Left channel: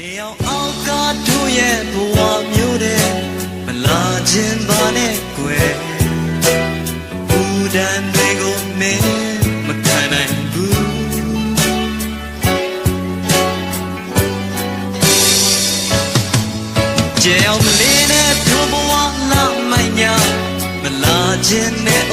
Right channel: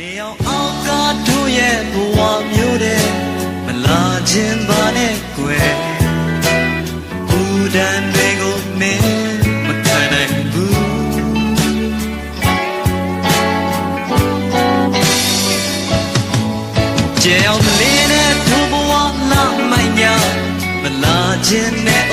နေအောင်အောက်ကတို့ရဲ့ဘဝမျိုးတဲ့မလာခြင်းပါနဲ့ကွယ်ဦးတန်တွေကိုနေမခံနိုင်ဘူးကြောင်လေးနဲ့သူ့ဘဝလာမိုင်းညာမလာခြင်းနဲ့